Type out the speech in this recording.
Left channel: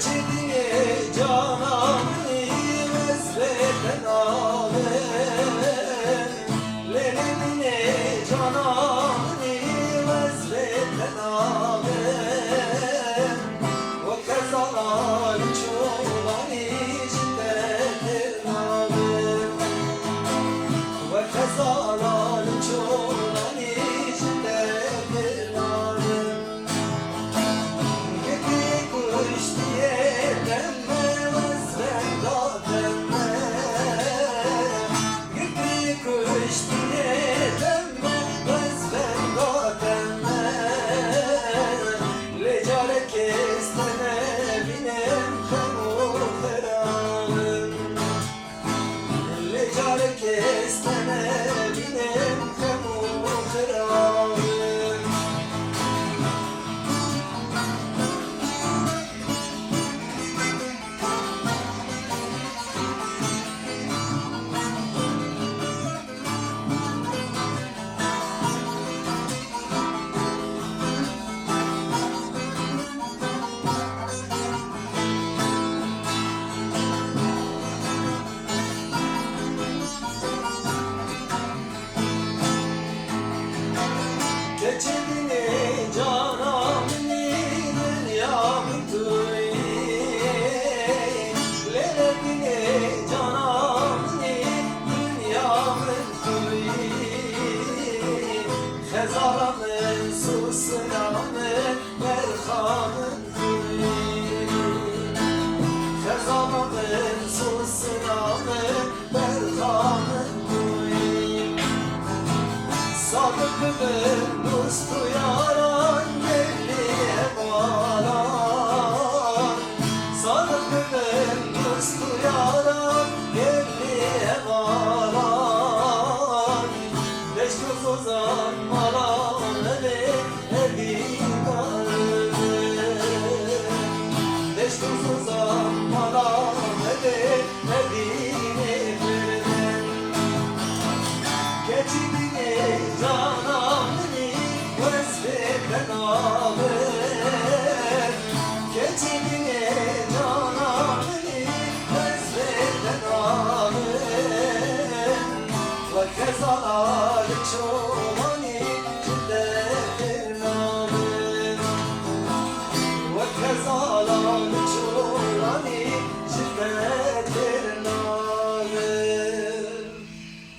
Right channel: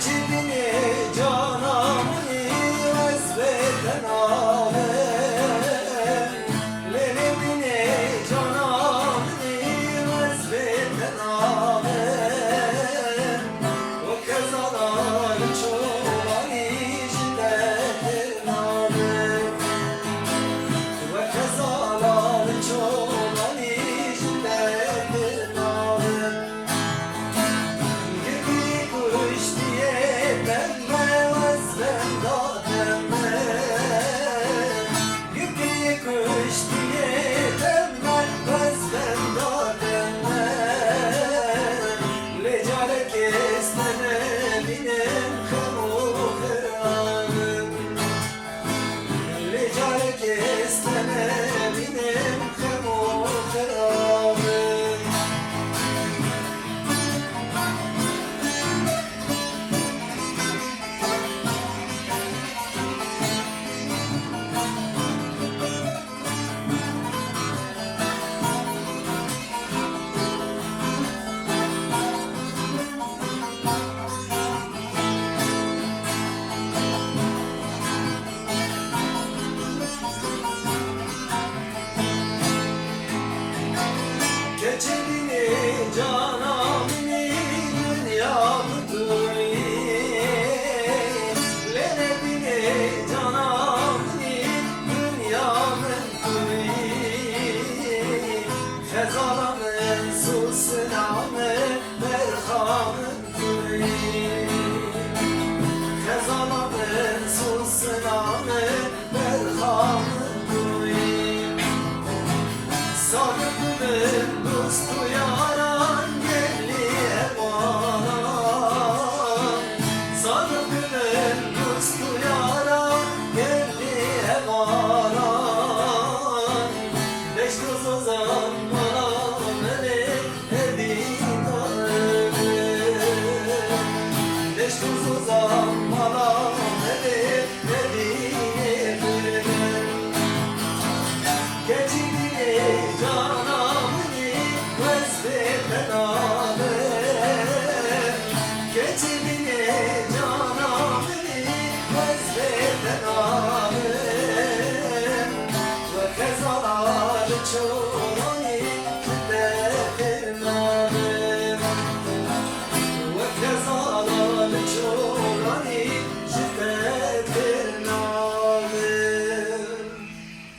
Geçibini cananı özleden alem, Lenebini cananı özleden alem. O kazalar çoğulan içindedir alem, o kazalar çoğulan içindedir alem. Geçibini cananı dünyamdır, Lenebini cananı dünyamdır. Xezalamın susinamın merhamındır, Xezalamın susinamın merhamındır. Sadıkımın dostu yaran gelli emaran, Sadıkımın dostu yaran gelli emaran. Beş toz ozan malanını edidarım, Beş toz ozan malanını edidarım. Geçibini cananı özleden alem, Geçibini cananı özleden alem. Ve kezalar çok